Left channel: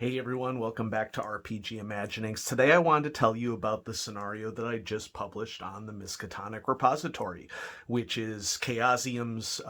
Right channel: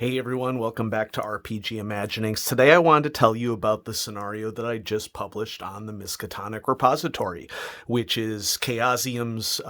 Hey everyone, welcome back to RPG Imaginings. Today I wanted to tell you about the scenario that I just published on the Miskatonic repository, which is Chaosium's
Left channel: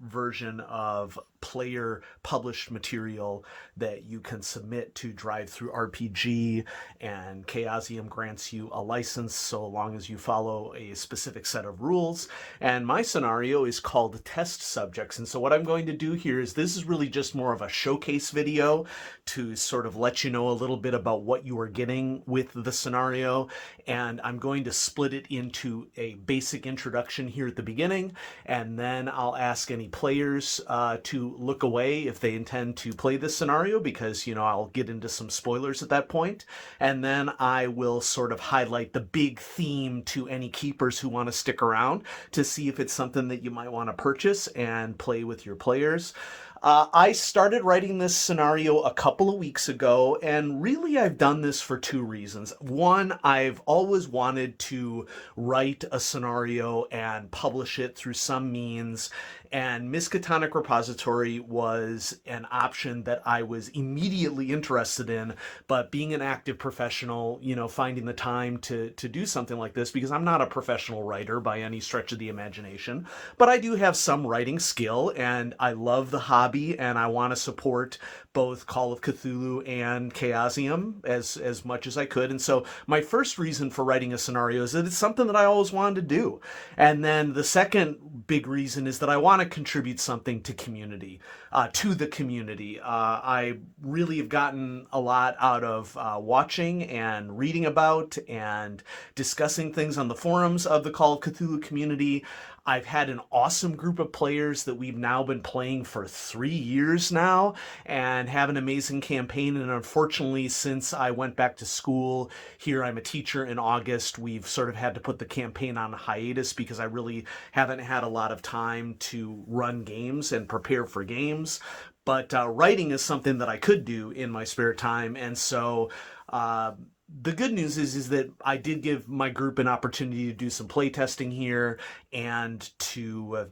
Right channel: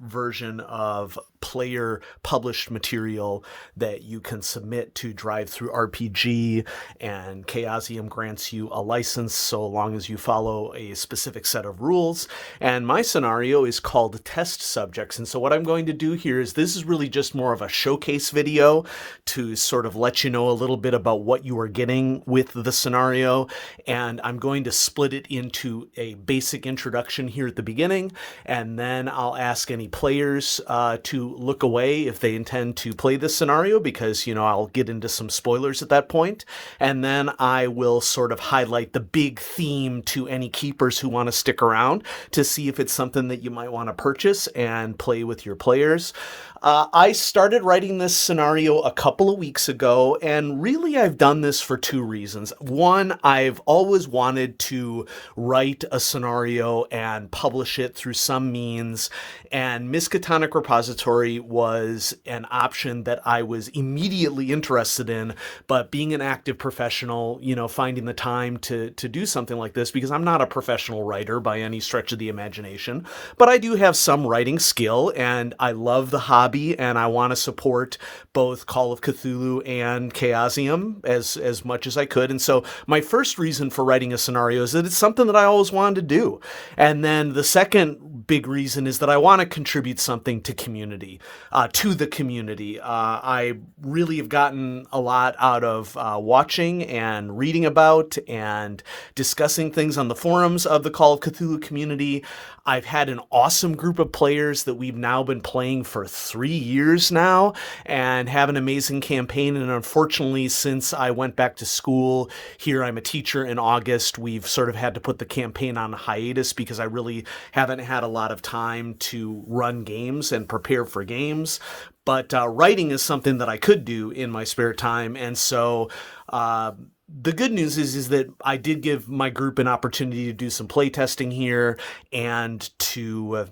version of player published material that you can submit to Drive Through RPG, and Chaosium grants you a license so long as you follow a specific set of rules. And my scenario is called Test Subjects. And so what I'm going to do here is this is really just more of a showcase video to sort of let you know a little bit about what you are getting with the scenario. And I'm going to split it into a basic introduction here at the beginning, and then I'll ask any players to look away if they intend to play this scenario, because, I'll get into some spoilers at that point. And then I will sort of highlight the big theme to any keepers who want to stick around to see if it's something that you might want to purchase and play with your players. I started writing this scenario a couple of weeks ago, and really I've done this for two reasons. One, I've always wanted to write a scenario and publish it through some means, and Miskatonic Repository was an option that I was immediately interested in, but being an active professional, finding the time to do something like this, because I'm not a professional writer by any stretch of the imagination, but I do have some writing skill, and I love the hobby, and I want to support both Call of Cthulhu and Chaosium as much as I could. And so my first reason for writing a scenario is that it's something that I always wanted to do. And then the second big reason is that I want to contribute something to the community. I really have gotten a lot out of watching and reading about and discussing things on the forums of the Call of Cthulhu community. I've had an awesome group of players that we've now been playing for 3 years now and have an amazing campaign. And unfortunately, since I went back to school here, I'm a teacher in August, we've sort of had to put the campaign on hiatus because I really haven't had a lot of time to run games and prepare for games. But writing is something that I could do in my spare time. And so the good news is that I did give my group an opportunity to do some play testing here and to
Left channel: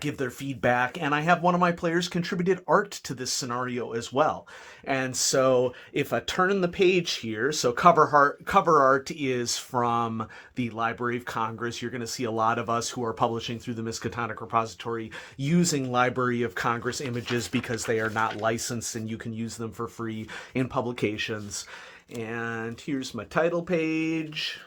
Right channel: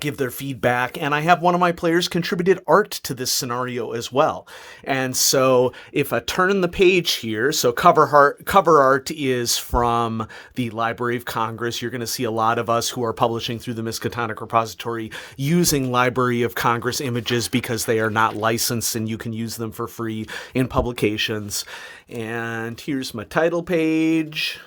give their feedback. And I have one of my players contributed art to this scenario as well. And so if I turn the page here, so cover art is from the Library of Congress. You're going to see a lot of us who are publishing through the Miskatonic repository using Library of Congress images because they are not licensed and you can use them for free in publications. And here's my title page.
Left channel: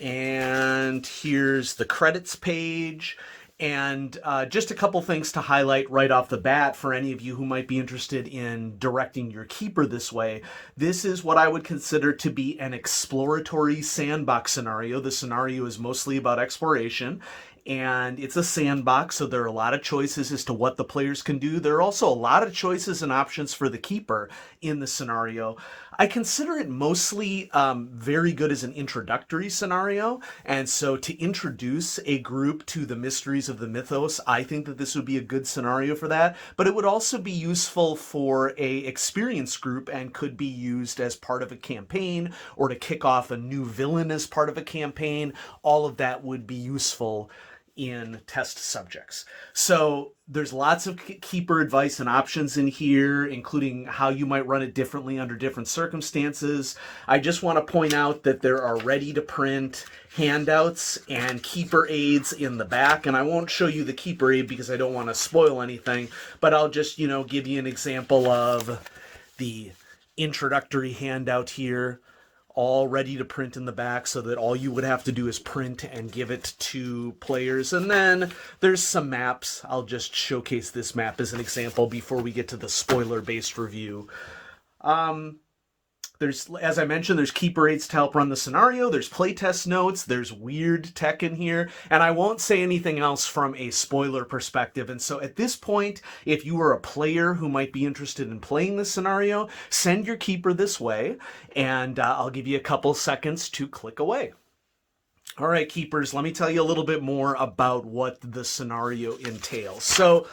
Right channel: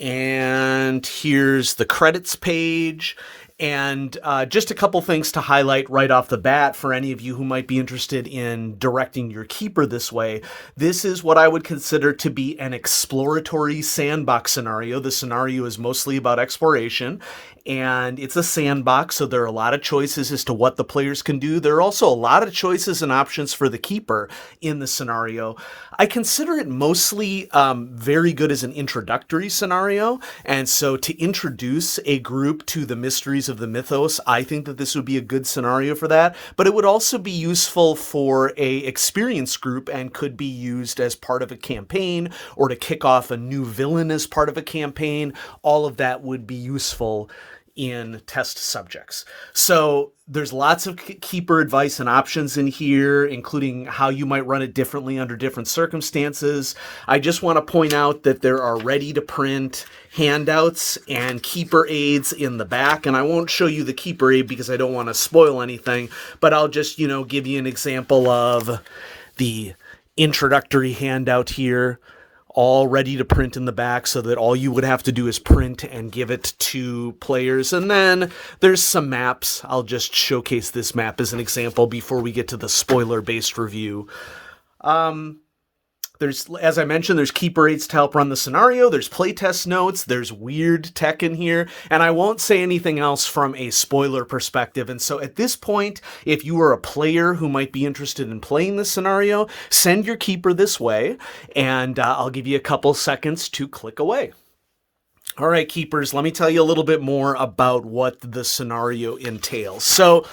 And here's the credits page. And just a couple things to highlight right off the bat for any of you who might be interested in directing your keeper this way. This is what I would consider to be an exploratory sandbox scenario. The scenario is mostly about exploration, and it's a sandbox, so there are a lot of choices as to what the players can do. There are also a lot of choices and options for the keeper in the scenario. I consider it mostly very good as an introductory scenario, and so to introduce a group to the mysteries of the mythos, I think that this would be a good scenario for that, but it would also be useful for a experienced group and could be used as part of a campaign or to kick off a new villain as part of a campaign. All of that would be useful in test subjects. So there's lots of keeper advice and options in here, including how you might run it differently under different circumstances. I just want to point out that there are ready to print handouts and keeper aids in the back, and I won't show you the keeper aid because I don't want to spoil anything, but I'll just, give you an example of the introductory handout here, all ready to print in the back so that all you would have to do is print and give it to players. And then there's some maps. I'll just showcase this map as an example before we get to the spoiler-based review. As I mentioned, there's keeper aids to help run the scenario. There's playtest notes. There's weird tech in here. And I won't say anything else from a spoiler perspective. And so at this point, if you are a player who might be interested in playing this scenario, send your keeper this way, and I'll give you a couple seconds to click away. All right, keepers, let me tell you a little bit more about what the scenario entails. So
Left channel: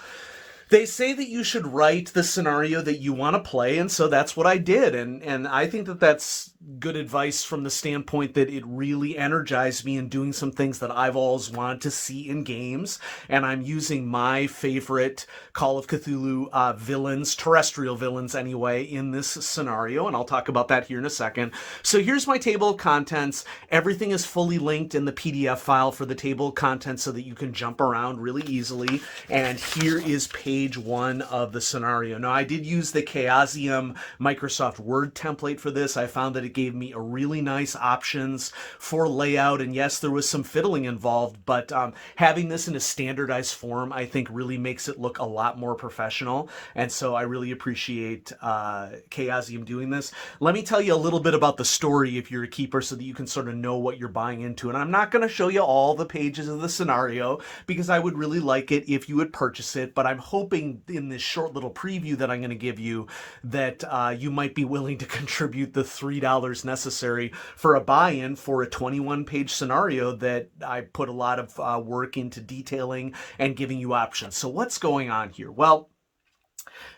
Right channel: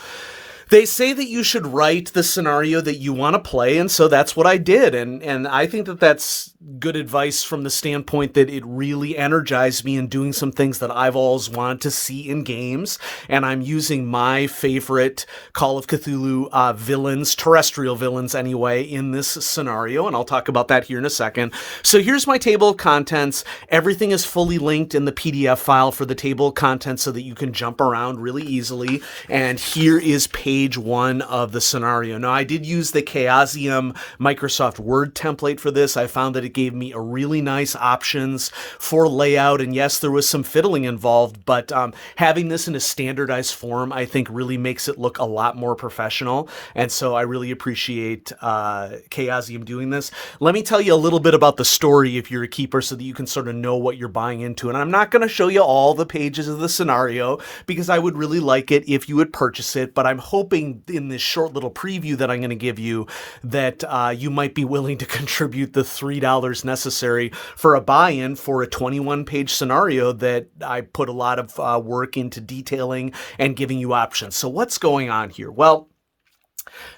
They say that you should write the scenario that you want to play, and so that's what I did. And I think that that's good advice from the standpoint that it really energized me in doing some things that I've always wanted to see in games. And I'm using my favorite Call of Cthulhu villains, terrestrial villains anyway, in this scenario, and I'll talk about that here in a second. So here's my table of contents. Everything is fully linked in the PDF file for the table of contents so that you can jump around really easily. And here is page 1 of the scenario. Now, I did use the Chaosium Microsoft Word template for this. I found that it gave me a really nice options for layout, and yes, there was some fiddling involved, but having this in a standardized form, I think, really makes it look a lot more professional, and so I really appreciate Chaosium doing this. Let me tell you a little bit about the story if you're a keeper so that you can sort of know what you're buying into, and I'm not going to show you all the pages of the scenario because I would really like it if you would purchase it, but I'm hoping in this short little preview that I'm going to give you that you might be willing to contribute the $3 necessary for a buy-in for a 21-page scenario that I put a lot of work into detailing and giving you options. So what's going on here? Well,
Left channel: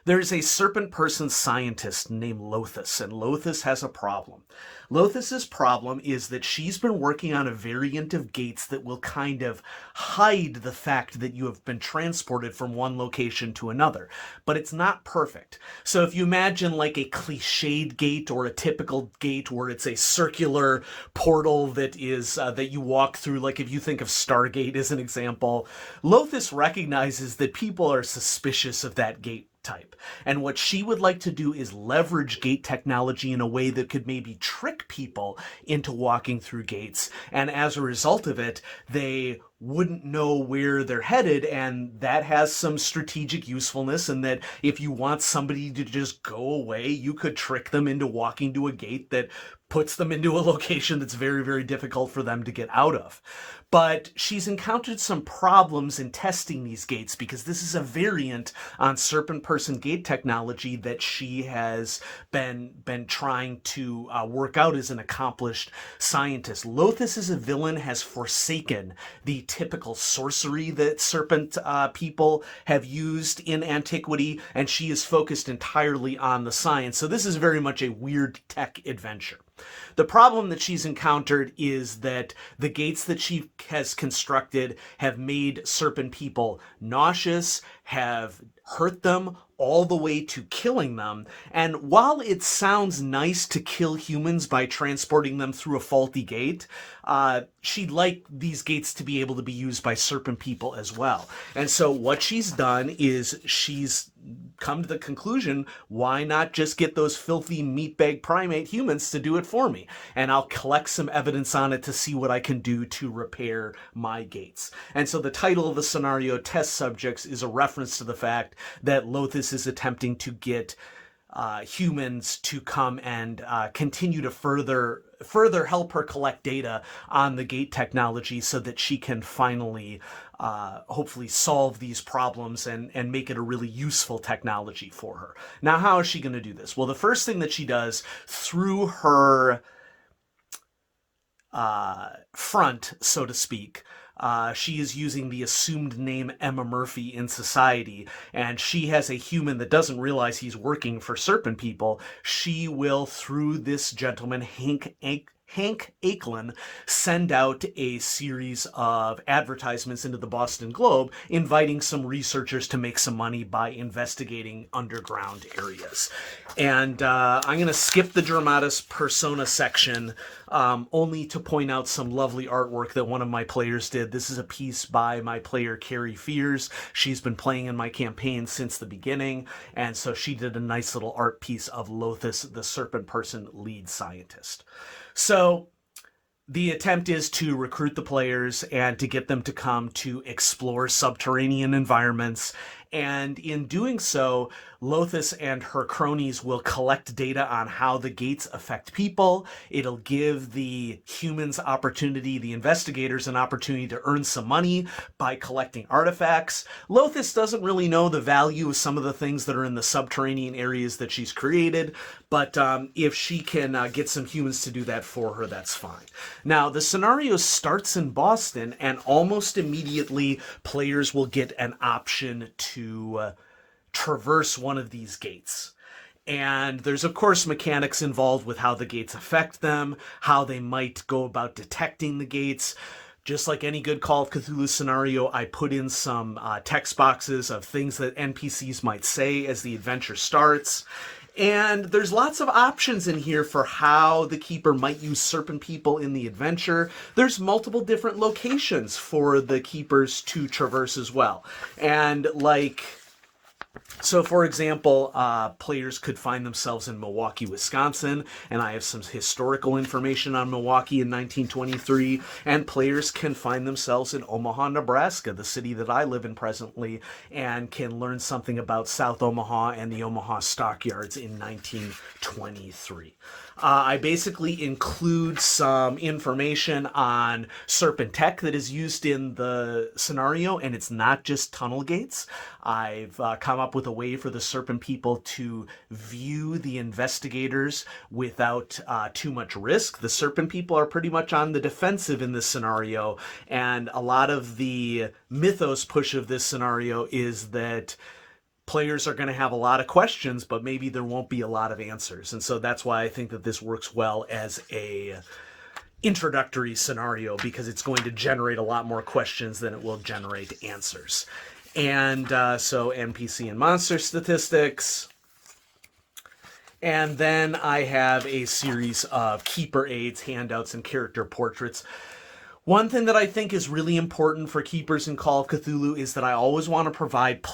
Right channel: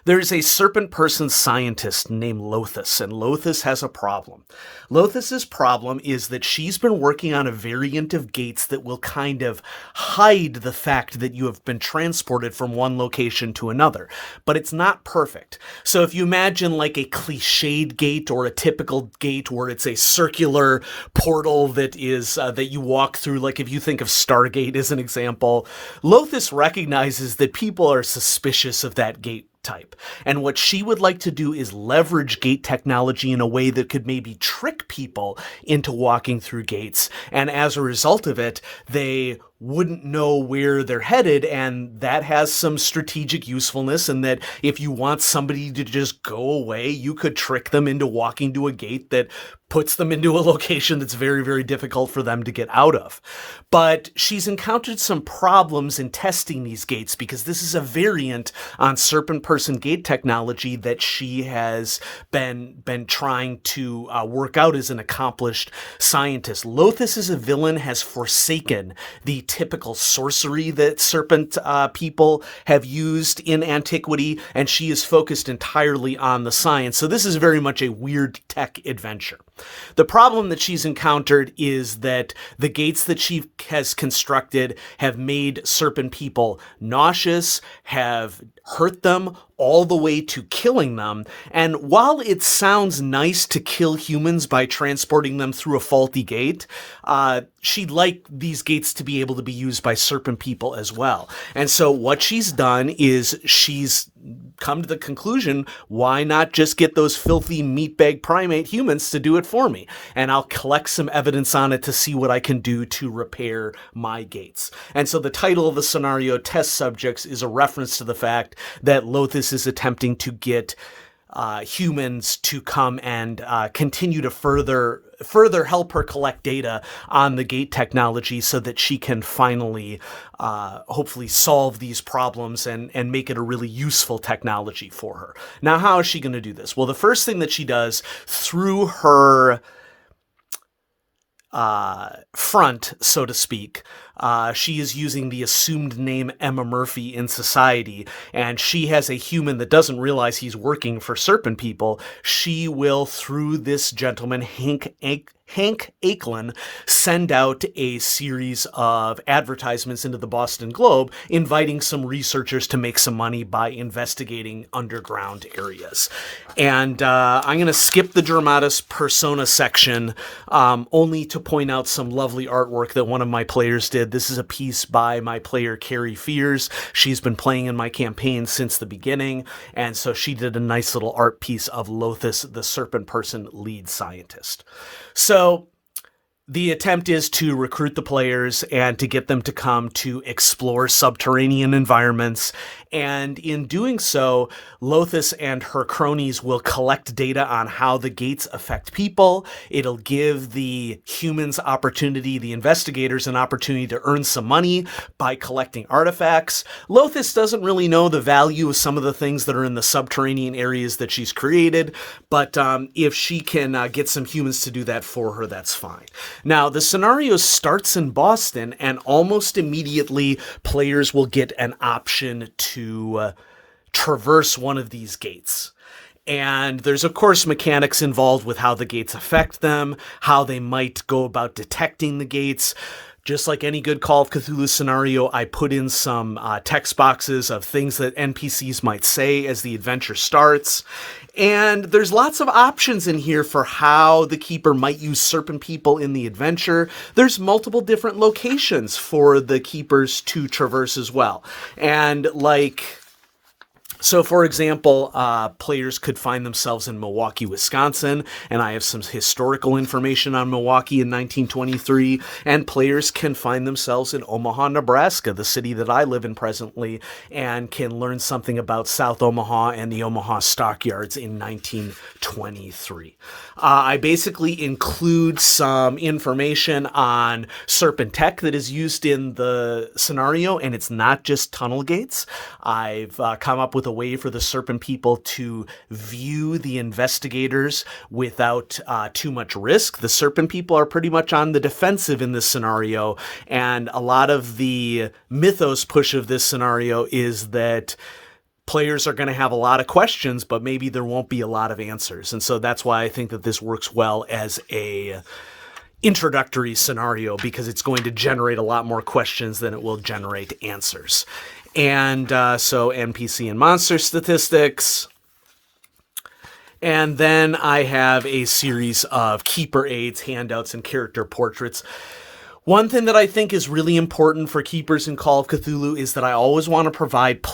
there's a serpent person scientist named Lothus, and Lothus has a problem. Lothus's problem is that she's been working on a variant of gates that will kind of hide the fact that you have been transported from one location to another, but it's not perfect. So if you imagine like a cliched gate or a typical gate where it's a circular portal that is that you walk through, like if you think of Stargate as an example, Lothus recognizes that people are suspicious of that gate type. And what she would like to do is leverage gate technology in a way that could maybe trick people into walking through gates. And as a result of it, they wouldn't know where they're headed, and that has some strategic usefulness, and that if you want somebody to just go away, you could trick them into walking to a gate that puts them into a location that's very, very difficult for them to get out of. But she's encountered some problems in testing these gates because this is a variant on serpent person gate technology that she has been trying to work out as an accomplished scientist. Lothus as a villain has forsaken the typical sorcery that serpent people have used in antiquity, and she is focused entirely on the science. So this is very much a weird tech adventure. The problem that she's encountered is that the gates that she has constructed have made serpent people nauseous, have hurt them all the way to killing them. And while it sounds nice to kill humans by transporting them through a faulty gate, she'd like these gates to be able to be used by serpent people as well. And so what she's done is she's come to the conclusion, why not just get those filthy meatbag primate humans to do it for me? And I'll collect some evidence on it to see what I can do to repair my gates. And so the title of the scenario, Test Subjects, is a reference to the fact that Lothus is attempting to get humans to come and continue to further help her collect data on the gate technology so that she can finally hopefully solve these problems and make it a really useful technology for her. Now, how is she going to do this? Well, the first thing that she does through her front, so to speak, she is using the assumed name Emma Murphy in society, and she has a human that doesn't realize he's working for serpent people. She will, through this gentleman, Hank Aiklin, send out a series of advertisements into the Boston Globe, inviting some researchers to make some money by investigating underground areas. And I'm going to skip the Dramatis Persona section, only to point out some lovely artwork that one of my players did. This is a piece by my player, Carrie Fears. She's been playing in my campaign since the beginning, and so she did a nice little art piece of Lothus, the serpent person lead scientist. So the attempt is to recruit the players and to get them to come to explore subterranean environments. And in doing so, Lothus and her cronies will collect data on how the gates affect people. It'll give the humans opportunity, the investigators, an opportunity to earn some money by collecting artifacts. Lothus doesn't really know the value of some of the things that are in the subterranean areas that she's created, but if she can get some humans to do that for her, that's fine. Now, the scenario starts in Boston, and almost immediately players will get an option to traverse one of these gates. And there's, of course, mechanics involved with how the gates affect them, how they might go about detecting the gates. Just like any good Call of Cthulhu scenario, I put in some text boxes of things that NPCs might say as the adventure starts. And there's lots of options in here for how the keeper might use serpent people in the adventure. There's multiple different locations for the keepers to traverse as well. And so, for example, players could find themselves in Milwaukee, Wisconsin, and I have some historical information on Milwaukee in 1923, and players can find themselves in Omaha, Nebraska, the city that I live in presently, and can learn something about South Omaha and the Omaha Stockyards in 1923. I basically include some information on serpent tech that is used in the scenario, and it's not just tunnel gates. I've come up with a way for the serpent people to view the investigators without too much risk. The serpent people are pretty much on the defensive in this scenario, and a lot of the mythos push of this scenario is that players are going to have a lot of questions, but maybe there won't be a lot of answers. And so that's why I think that this works well as a introductory scenario, because it's going to generate a lot more questions than it will generate answers. And so NPC and monster statistics. And then I have a series of keeper aids, handouts, and character portraits. One thing that I think is really important for keepers in Call of Cthulhu is that I always want to provide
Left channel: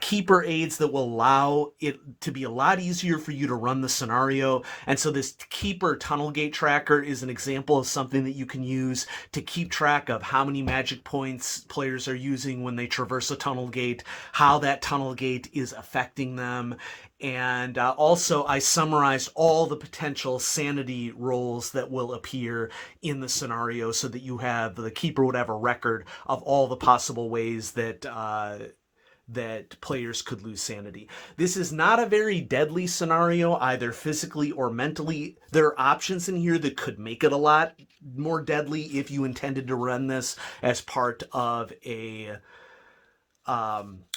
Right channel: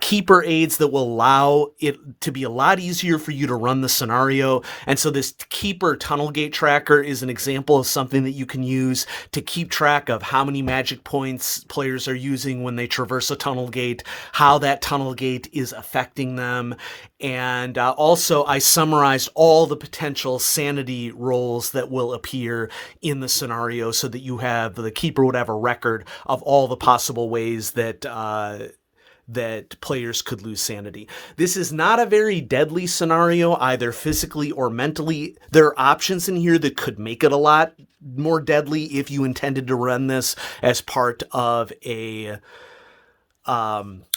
keeper aids that will allow it to be a lot easier for you to run the scenario. And so this keeper tunnel gate tracker is an example of something that you can use to keep track of how many magic points players are using when they traverse a tunnel gate, how that tunnel gate is affecting them. And also, I summarized all the potential sanity rolls that will appear in the scenario so that the keeper would have a record of all the possible ways that that players could lose sanity. This is not a very deadly scenario, either physically or mentally. There are options in here that could make it a lot more deadly if you intended to run this as part of a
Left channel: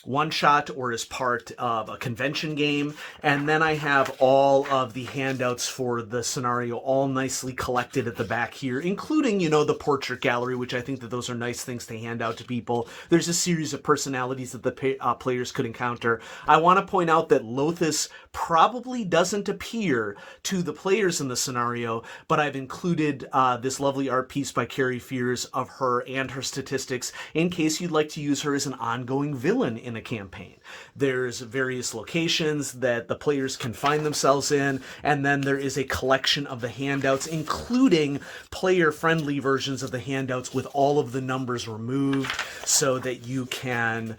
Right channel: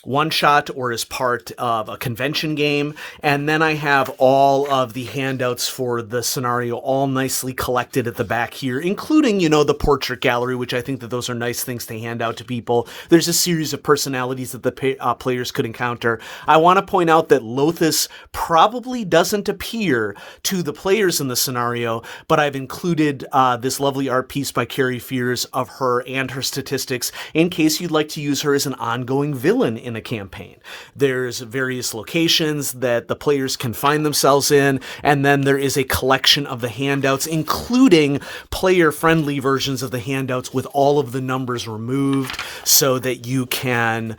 one shot or as part of a convention game. And then I have all of the handouts for the scenario all nicely collected at the back here, including, the portrait gallery, which I think that those are nice things to hand out to people. There's a series of personalities that the players could encounter. I want to point out that Lothus probably doesn't appear to the players in the scenario, but I've included this lovely art piece by Carrie Fears of her and her statistics in case you'd like to use her as an ongoing villain in a campaign. There's various locations that the players can find themselves in, and then there is a collection of the handouts, including player-friendly versions of the handouts with all of the numbers removed so that you can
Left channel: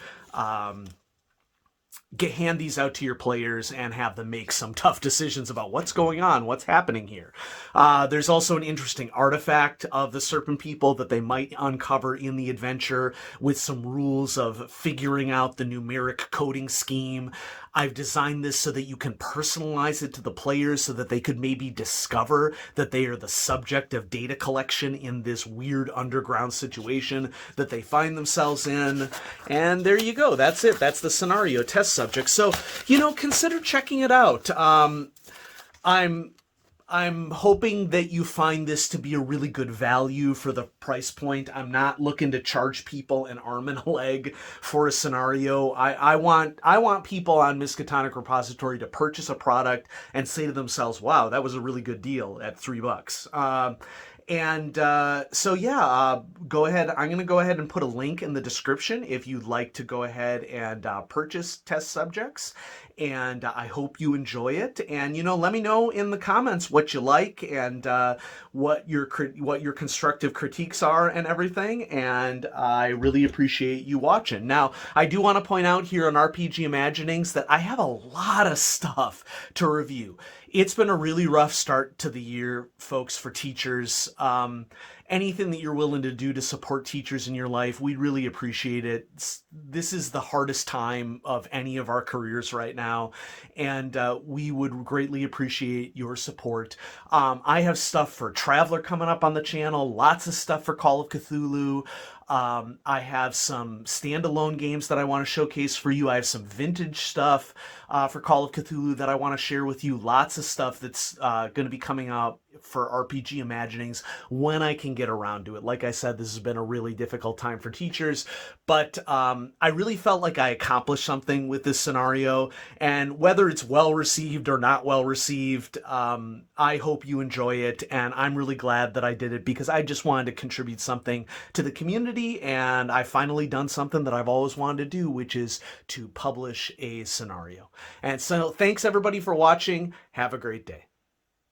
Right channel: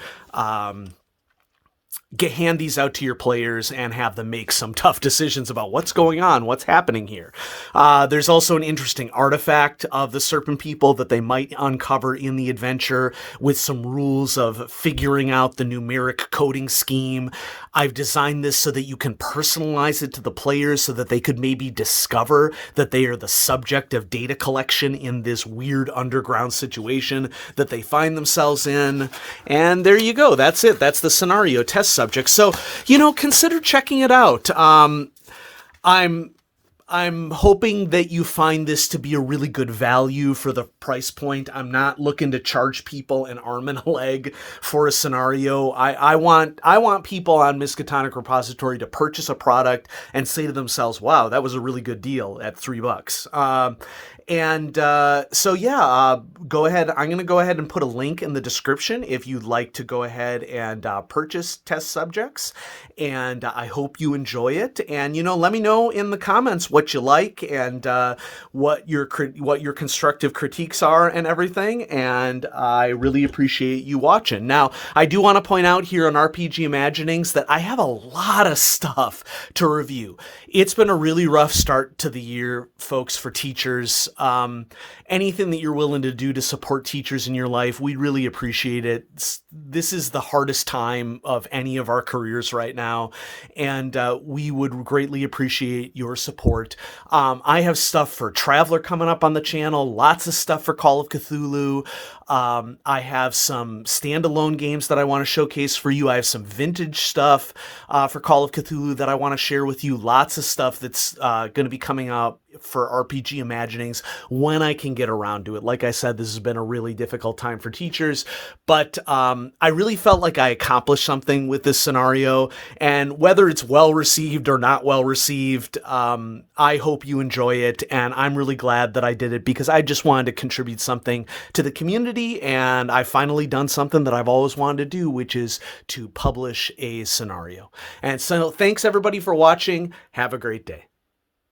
hand these out to your players and have them make some tough decisions about what's going on, what's happening here. There's also an interesting artifact of the serpent people that they might uncover in the adventure with some rules of figuring out the numeric coding scheme. I've designed this so that you can personalize it to the players so that they could maybe discover that they are the subject of data collection in this weird underground situation that they find themselves in. And there you go. That's it. That's the scenario test subject. So, consider checking it out. I'm hoping that you find this to be a really good value for the price point. I'm not looking to charge people an arm and a leg for a scenario. I want people on Miskatonic Repository to purchase a product and say to themselves, wow, that was a really good deal at $3. Go ahead. I'm going to go ahead and put a link in the description if you'd like to go ahead and purchase test subjects. And I hope you enjoy it. And, let me know in the comments what you like and what your constructive critiques are and everything. And I really appreciate you watching. Now, I do want to point out here on RPG Imaginings that I have a lot of stuff to review. It's been a really rough start to the year, folks, for teachers. Anything that you're willing to do to support teachers in your life, we really appreciate it. This is the hardest time of any of our careers right now, and we would greatly appreciate your support. I have stuff for Traveler coming up on the channel, lots of stuff for Call of Cthulhu. I have some standalone games that I want to showcase for you. I have some vintage stuff for Call of Cthulhu that I want to share with you. Lots of stuff that's going to be coming out for RPG Imaginings when I can get around to it. Like I said, this has been a really difficult time for teachers, but I really felt like I accomplished something with this scenario. And whether it's well received or not well received, I hope you enjoy it. And I'm really glad that I did it because I just wanted to contribute something to the community. And I finally done something that I've always wanted to do, which is to publish a scenario. And so thanks everybody for watching. Have a great day.